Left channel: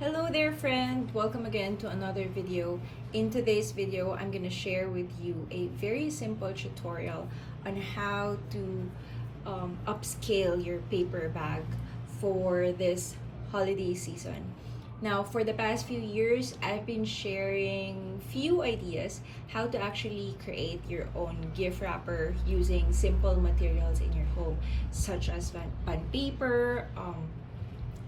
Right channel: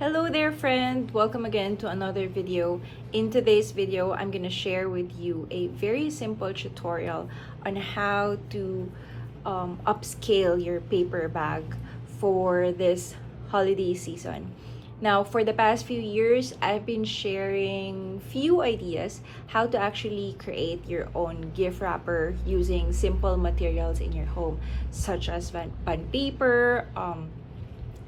Hello there friend! Welcome again to another video. In today's video, I'm going to share with you a very simple tutorial on how to upscale your paper bag for this holiday season. Now, for the past few years, I've been sharing few ideas how to actually create your own gift wrapper using simple materials in your home, such as bond paper,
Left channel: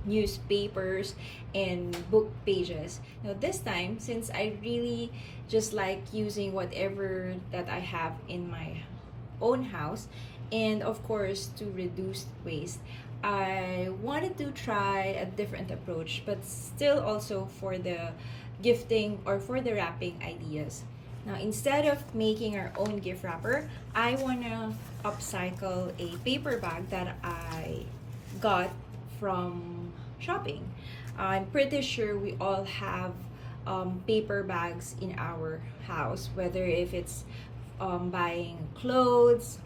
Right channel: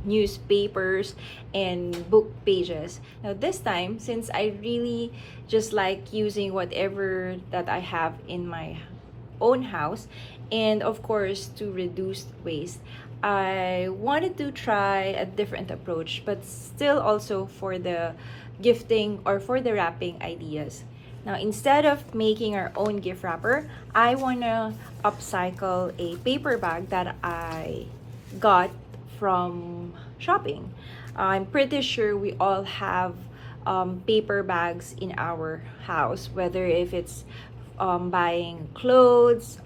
newspapers, and book pages. Now this time, since I really just like using whatever that I have in my own house, and of course to reduce waste, I wanted to try a different approach, but still also for the gifting or for the wrapping ideas. Now, instead of making our own gift wrapper, I want to upcycle a paper bag that I got from shopping. I'm pretty sure we all have paper bags in our house, whether if it's buying clothes,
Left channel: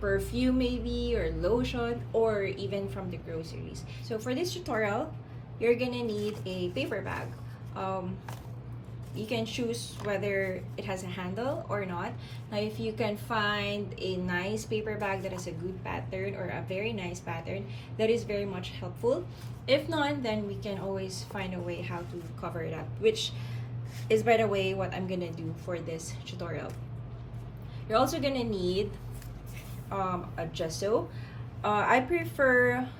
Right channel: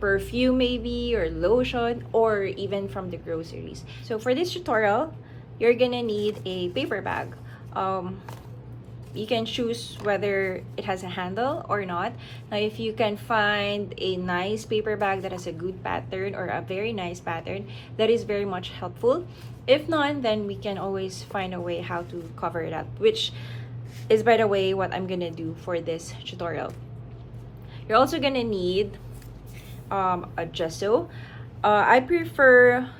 perfume maybe, or lotion, or even from the groceries. So for this tutorial, you're gonna need a paper bag. You can choose whether it has a handle or not. Now, if you can find a nice paper bag that has a good pattern or a very nice pattern, that is very much helpful. If not, then we can always find a way how to cover it up, which is, by the way, what I'm gonna do for this tutorial. You're also gonna need a gesso. I prefer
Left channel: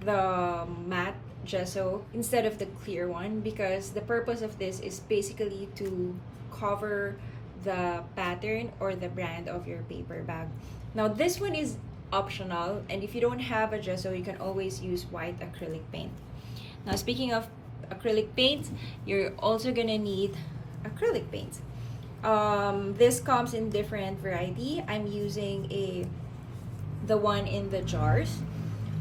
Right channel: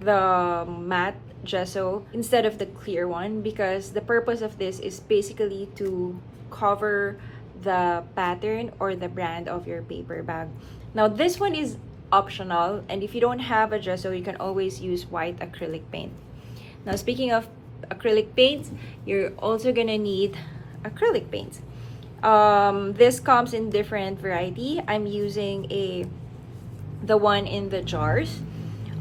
the matte gesso instead of the clear one, because the purpose of this is basically to cover the pattern or the brand of your paper bag. Now this one is optional, and if you don't have a gesso, you can always use white acrylic paint. Now, speaking of acrylic paint, you're also gonna need acrylic paint. This comes in different variety. I'm using the one in the jars.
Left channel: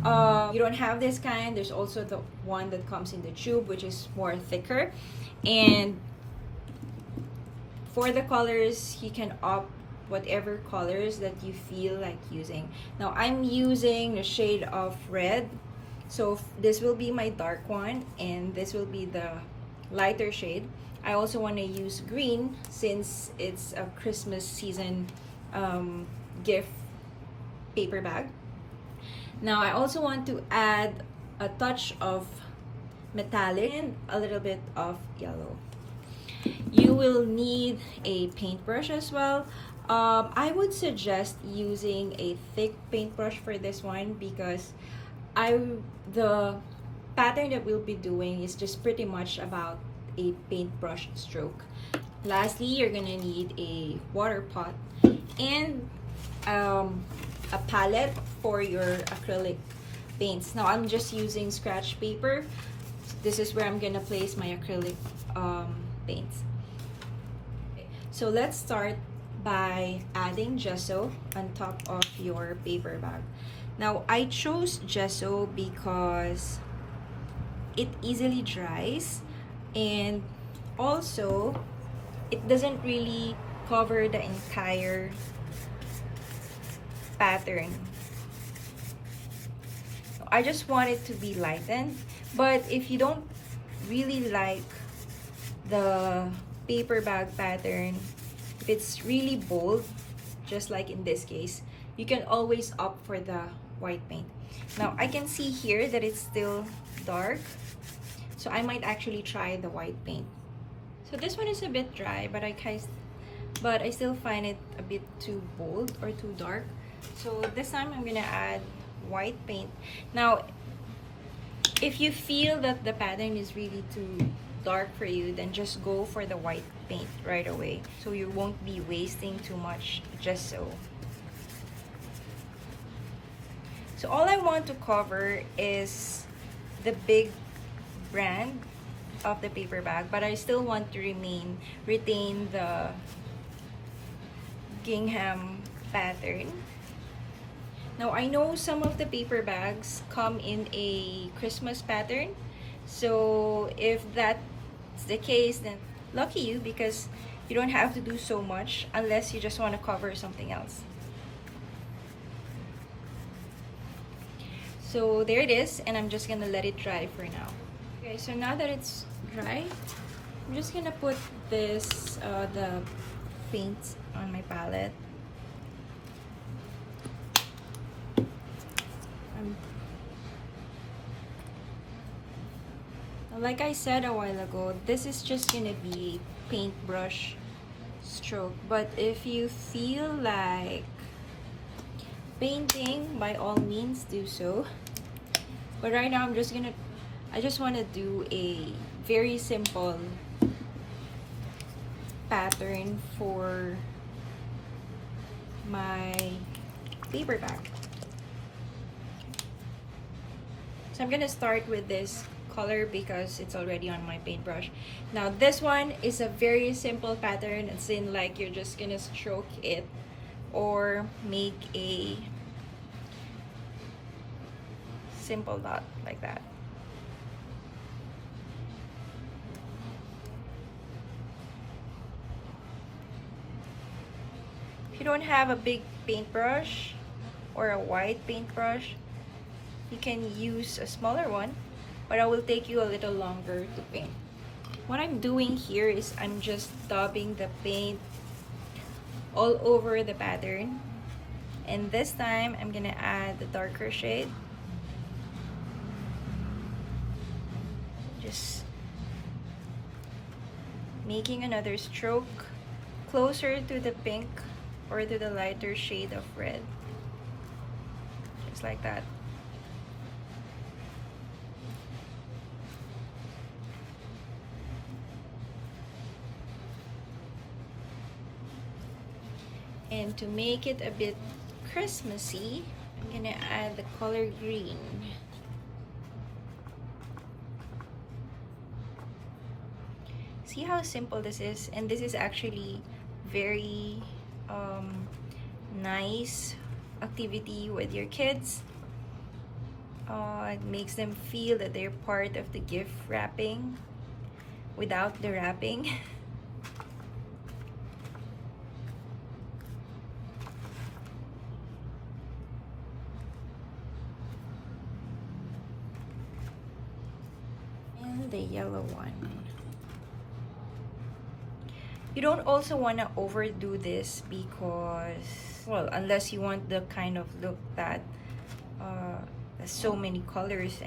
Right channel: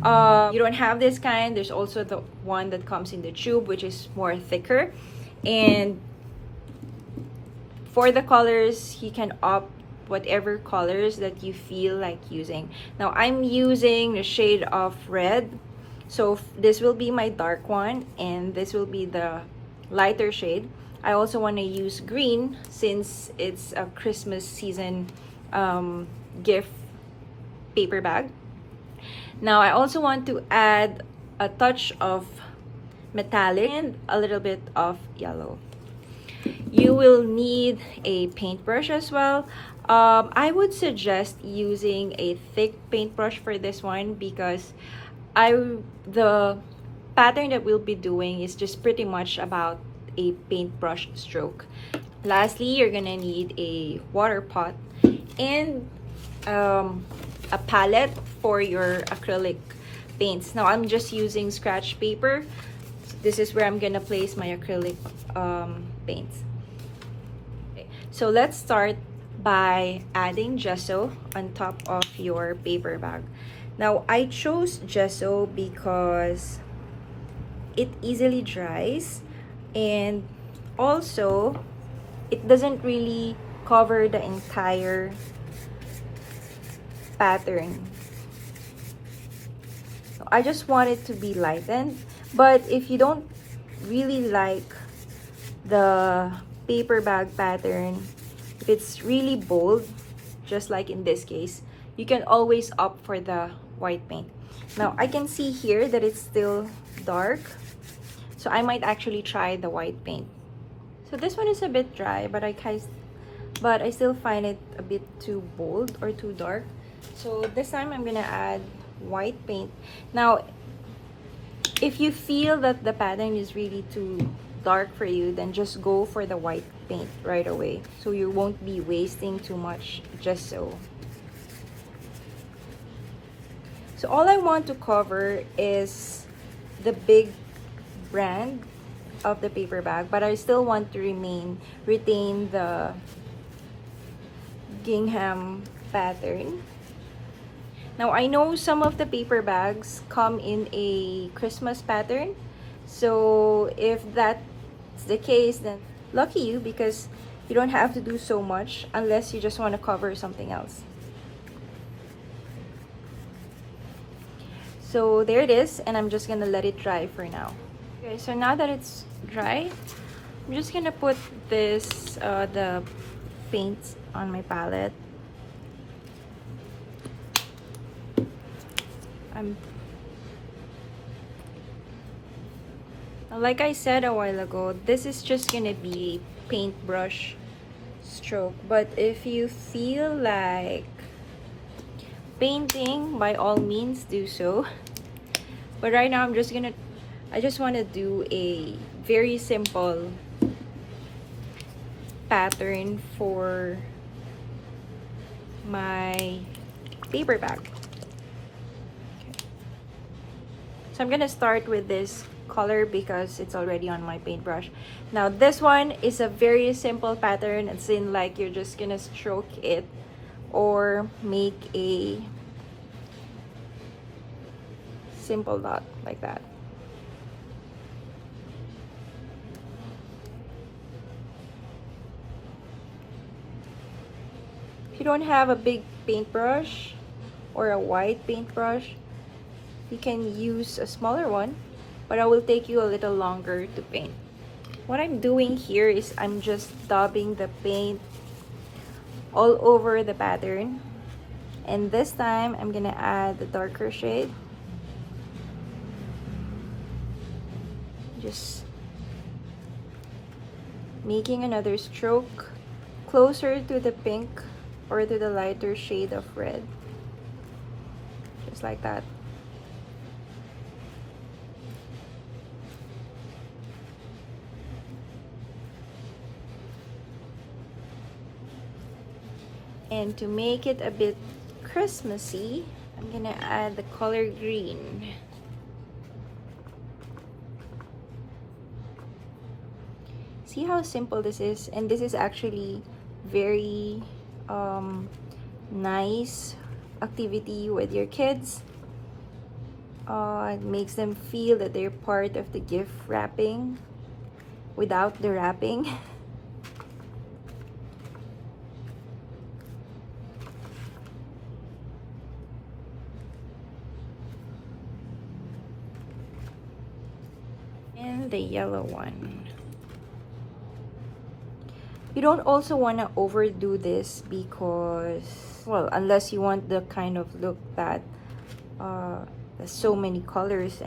You don't have this kind, there's also the one that comes in the tube, which is more thicker. And for the colors, you can opt whatever colors that you feel like using. Now I'm using the shade of red, so this will be my dark one, and this will be the lighter shade. I also want to use green since it's a Christmas season gift paper bag. Now I also want to add a touch of metallic and a little bit of yellow. You will need a paintbrush as well. I would suggest using a thick paintbrush for this one, because the pattern that we'll be doing is just pretty much about a paintbrush stroke. Lastly, you're gonna need a water pot and a palette for your acrylic paints. Now I'm just using scratch paper. This is where I'm gonna place my acrylic paints. Okay. So let's start by adding gesso on top of your paper bag. Now I chose gesso because it easily dries, and also it doesn't really cover the entire pattern. I just want it to be lightened, but if you don't really like the paper bag pattern, if it's really bold, just like in this case, you can always opt for the white paint. Now I can see here that it's still dark, so I might actually try the white paint. So this one is a bit dry, but I still find it a bit too bold or too dark. So this time I'm gonna add white paint. Now, if you feel that the pattern is really too dark for you, then just go for the white paint right away, so you won't be wasting too much gesso. So all I want to cover is the big brand of the paper bag, but I still want to retain the gingham pattern. Now I know some of the paper bags come in a Christmas pattern, so if that's the case, then lucky you, because you don't have to do so much unless you just want to cover something else. So there it is, and I'm just gonna let it dry for now. Okay, so now that it's dry, I'm just gonna put this, the paint on my palette. Like I said a while ago, this is just gonna be a paintbrush stroke. But if you feel like painting, by all means do so. But right now I just want to do a very simple pattern for my paper bag. So I'm gonna start with this color because it's already on my paintbrush. Now this one is a very simple pattern. It's in like you're just gonna stroke it or make a simple dot like that. If you don't have a big paintbrush or a white paintbrush, you can use a smaller one, but it will take you a little longer to paint. What I'm doing here is I'm just dabbing the paint all over the pattern, and this time I'm gonna add the darker shade. Just making another stroke closer to the pink or to the lighter shade of red, just like that. And to make it a bit Christmassy, I'm gonna add the color green. See how simple this is? And this is actually very nice activity with your kids. It makes them feel that they're part of the gift wrapping without the wrapping. And the yellow one. You don't also want to overdo this because, well, unless you want the kind of look that there's so many colors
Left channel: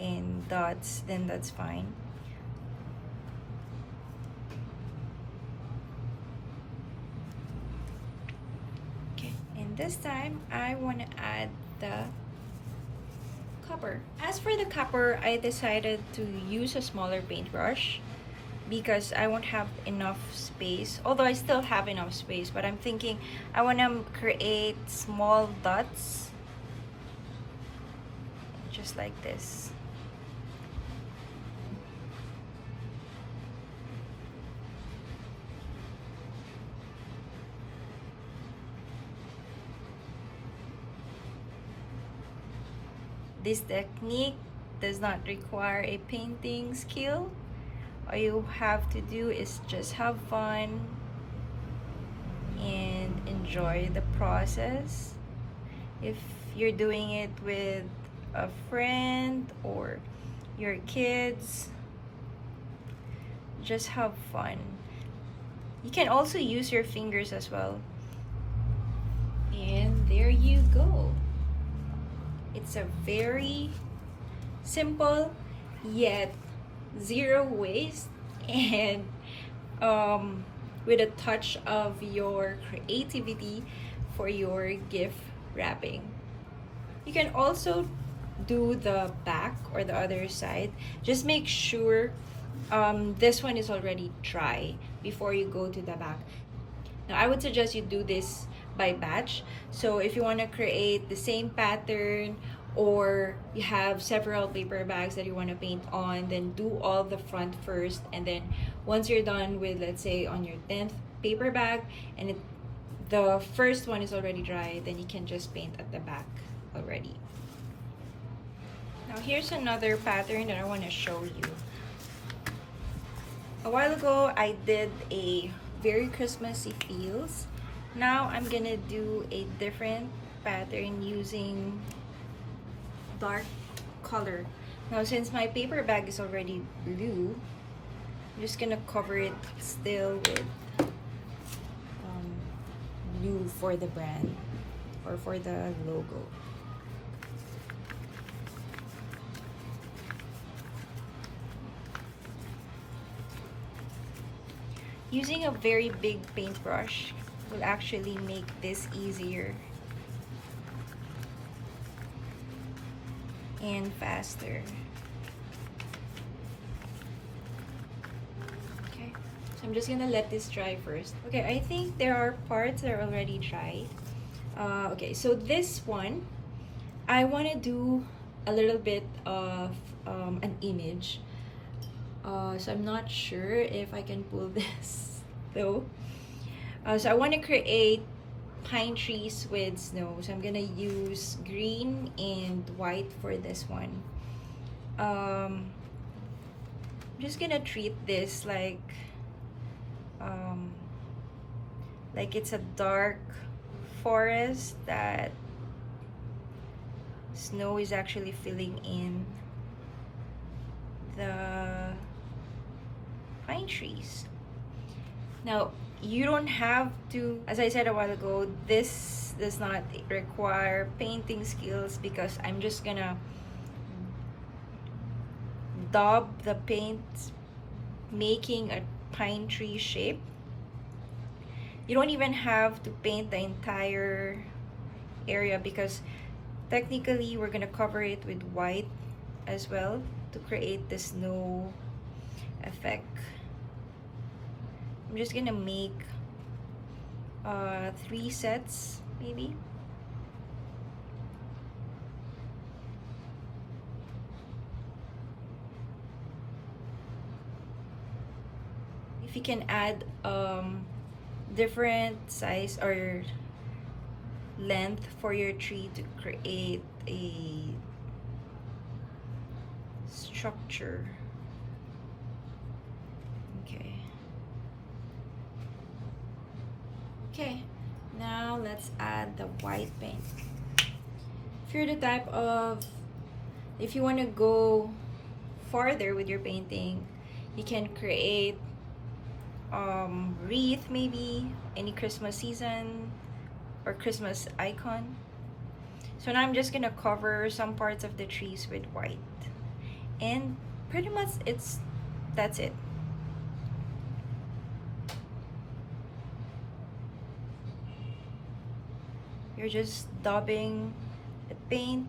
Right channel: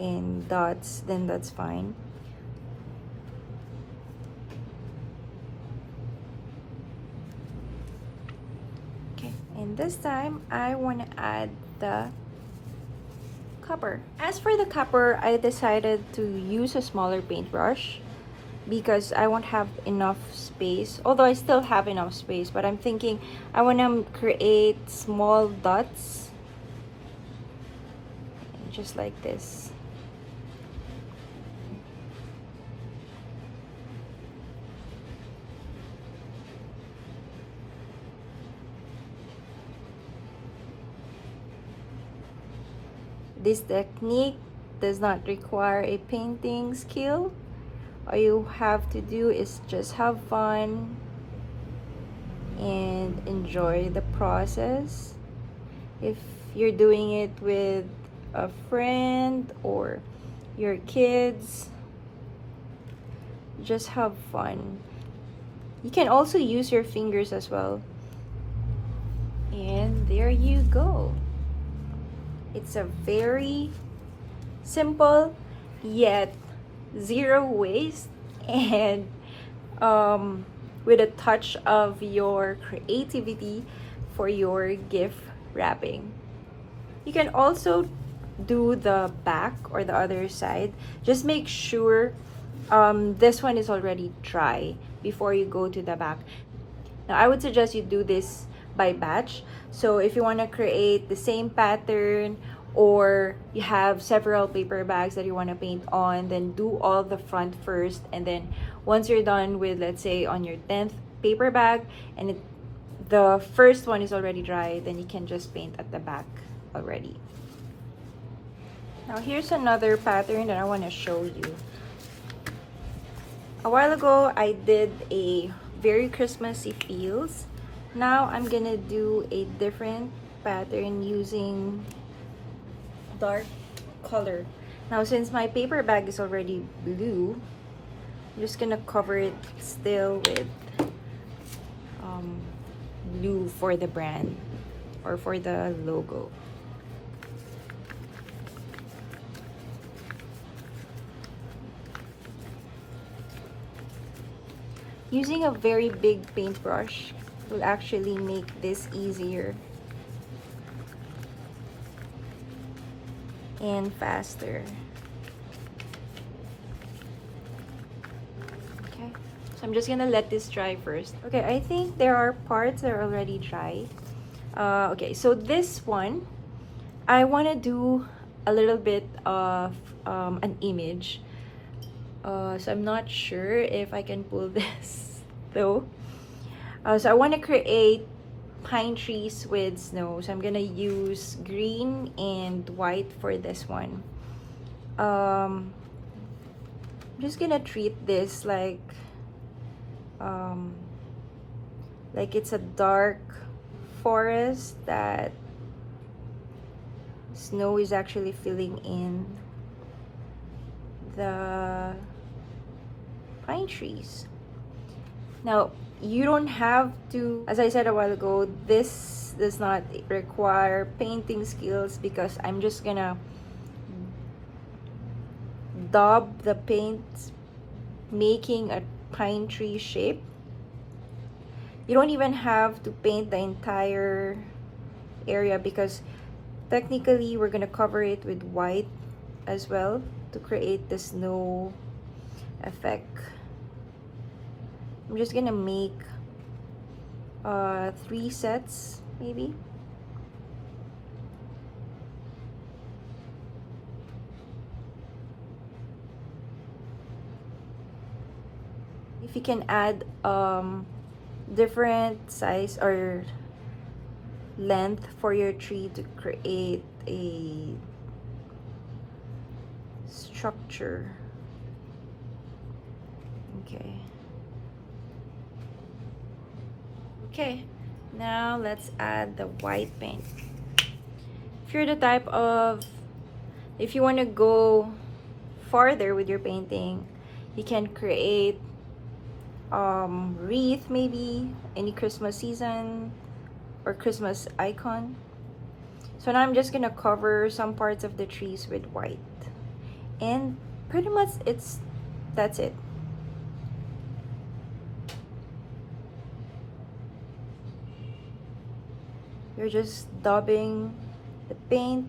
and dots, then that's fine. Okay. And this time I want to add the copper. As for the copper, I decided to use a smaller paintbrush because I won't have enough space, although I still have enough space, but I'm thinking I want to create small dots just like this. This technique does not require a painting skill. All you have to do is just have fun and enjoy the process. If you're doing it with a friend or your kids, just have fun. You can also use your fingers as well. And there you go. It's a very simple yet zero waste and with a touch of your creativity for your gift wrapping. You can also do the back or the other side. Just make sure this one is already dry before you go to the back. Now I would suggest you do this by batch. So if you want to create the same pattern or you have several paper bags that you want to paint on, then do all the front first, and then once you're done with, let's say, on your 10th paper bag and the first one is already dry, then you can just paint at the back already. Now here's another pattern that I want to show you. A while ago I did a very Christmassy feels. Now I'm gonna do a different pattern using dark color. Now, since my paper bag is already blue, I'm just gonna cover it still with blue for the brand or for the logo. Using a very big paintbrush will actually make this easier and faster. Okay, so I'm just gonna let this dry first. Okay, I think there are parts that are already dry. Okay, so this one, I want to do a little bit of an image. So I'm not sure if I can pull this though. So I want to create pine trees with snow. So I'm gonna use green and white for this one. I'm just gonna treat this like it's a dark forest that snow is actually filling in the pine trees. Now, you don't have to, as I said a while ago, this does not require painting skills because I'm just gonna daub the paint, making a pine tree shape. You don't even have to paint the entire area because technically we're gonna cover it with white as well to create the snow effect. I'm just gonna make 3 sets maybe. If you can add different size or length for your tree to create a structure. Okay, now let's add the white paint. If you're the type of, if you want to go farther with your painting, you can create wreath, maybe any Christmas season or Christmas icon. So now I'm just gonna cover some parts of the trees with white, and pretty much that's it. You're just daubing the paint.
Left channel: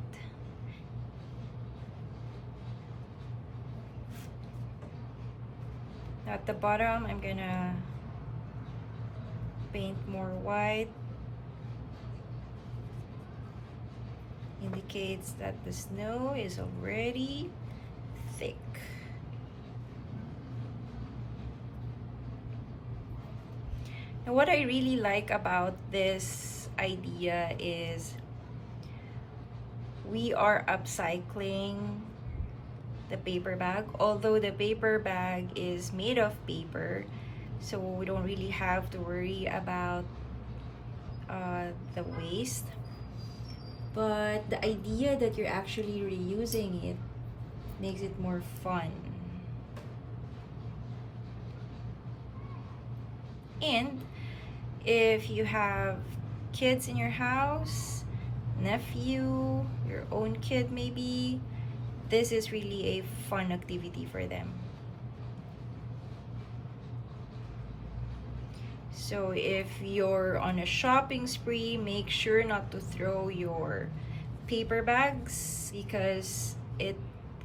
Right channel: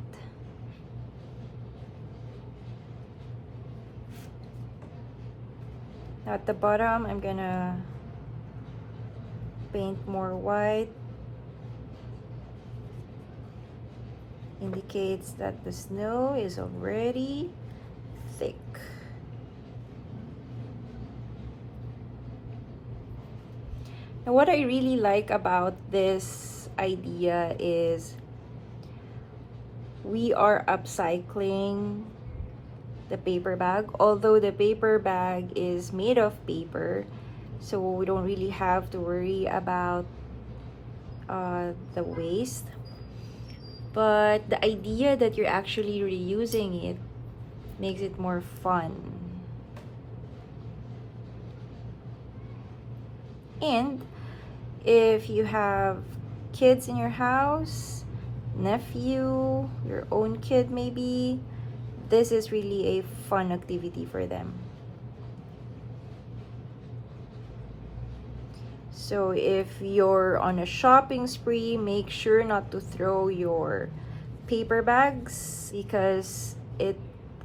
At the bottom, I'm gonna paint more white. Indicates that the snow is already thick. And what I really like about this idea is we are upcycling the paper bag, although the paper bag is made of paper, so we don't really have to worry about the waste. But the idea that you're actually reusing it makes it more fun. And if you have kids in your house, nephew, your own kid maybe, this is really a fun activity for them. So if you're on a shopping spree, make sure not to throw your paper bags because it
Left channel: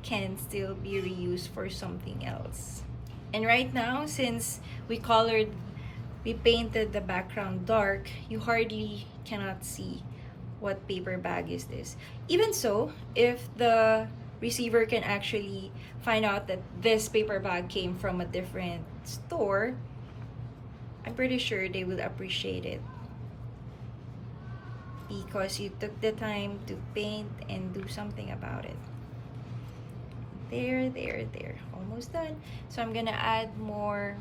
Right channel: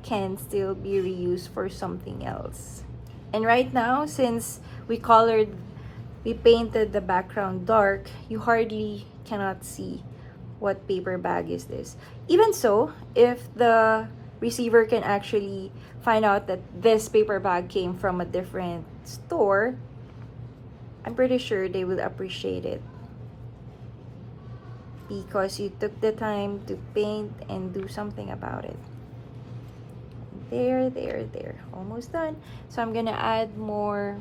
can still be reused for something else. And right now, since we painted the background dark, you hardly cannot see what paper bag is this. Even so, if the receiver can actually find out that this paper bag came from a different store, I'm pretty sure they will appreciate it because you took the time to paint and do something about it. There, almost done. So I'm gonna add more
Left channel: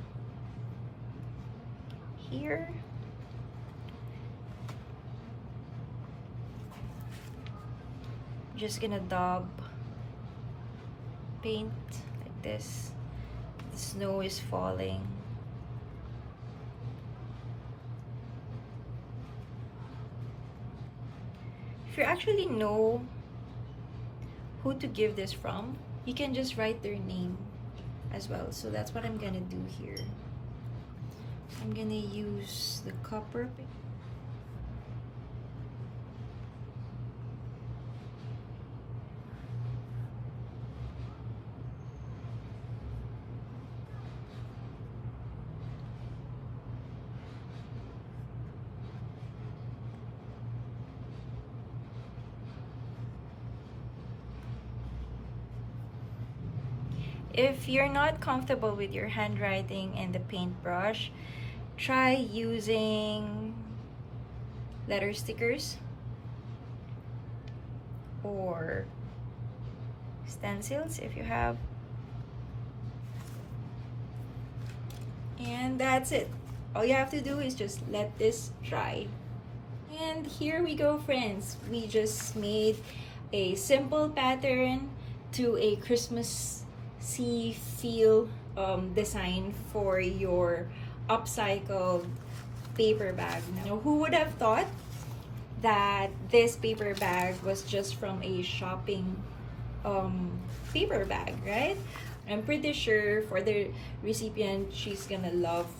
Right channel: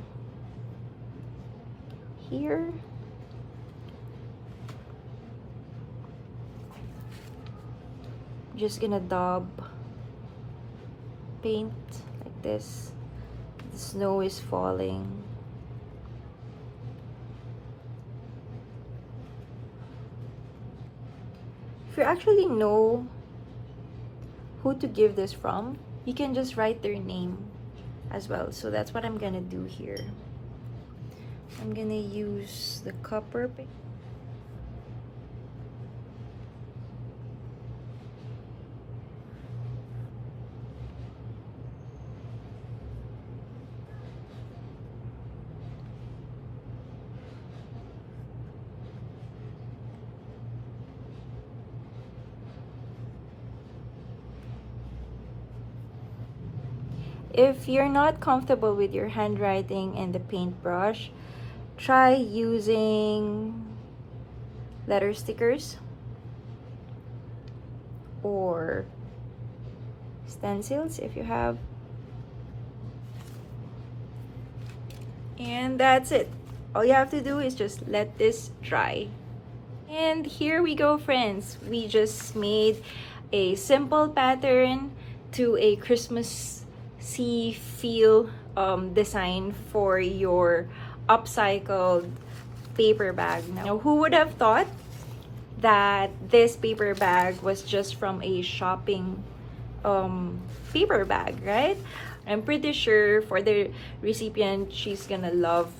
here. Just gonna daub paint like this. The snow is falling. If you actually know who to give this from, you can just write their name as well. So that's what I'm gonna do here. I'm gonna use the copper paint. If you're not comfortable with your handwriting and the paintbrush, try using letter stickers or stencils if you have. And that's it. All you have to do is just let this dry. And here we go, friends. We just made a simple pattern to a Christmassy feel design for your upcycled paper bag. Now, who would have thought that this paper bag was just from a shopping paper bag, right? I'm pretty sure for the recipient, she's gonna love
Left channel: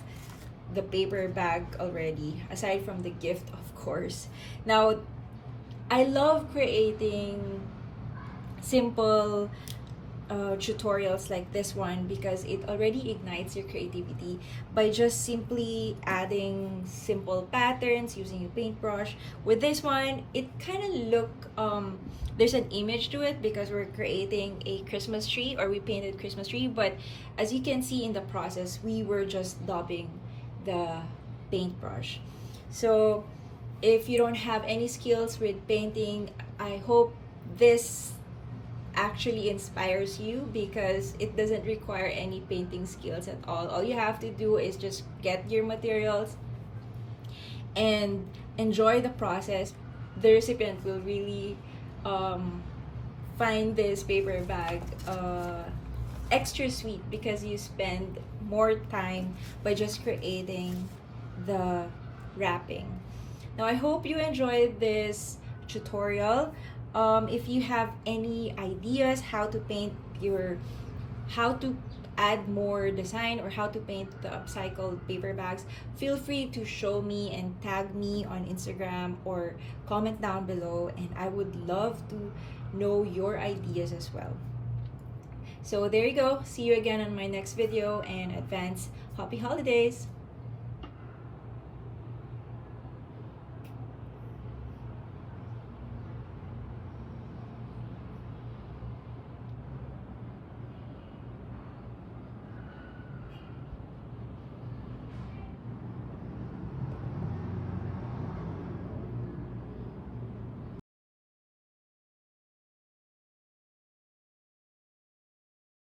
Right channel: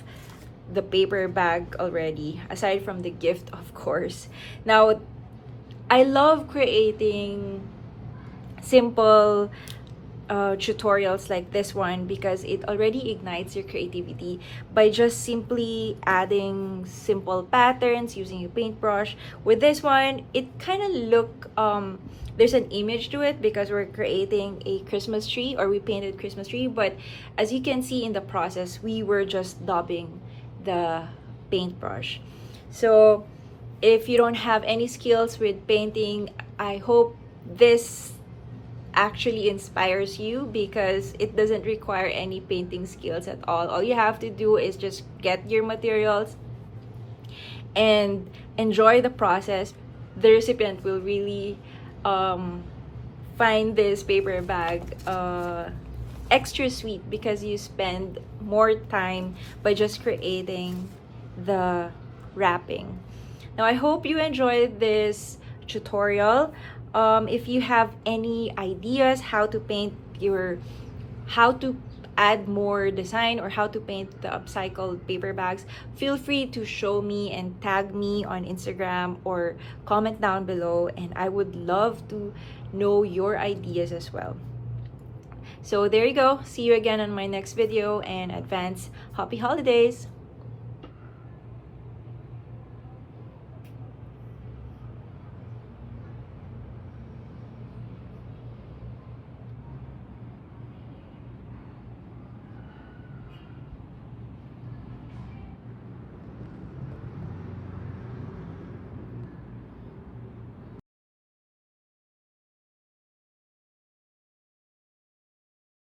the paper bag already, aside from the gift, of course. Now, I love creating simple tutorials like this one because it already ignites your creativity by just simply adding simple patterns using a paintbrush. With this one, it kind of look there's an image to it because we're creating a Christmas tree, or we painted Christmas tree, but as you can see in the process, we were just daubing the paintbrush. So if you don't have any skills with painting, I hope this actually inspires you because it doesn't require any painting skills at all. All you have to do is just get your materials and enjoy the process. The recipient will really find this paper bag extra sweet because you spend more time by just creating the wrapping. Now, I hope you enjoyed this tutorial. If you have any ideas how to add more design or how to paint the upcycled paper bags, feel free to show me and tag me on Instagram or comment down below, and I would love to know your ideas as well. So there you go. See you again on my next video, and advance happy holidays.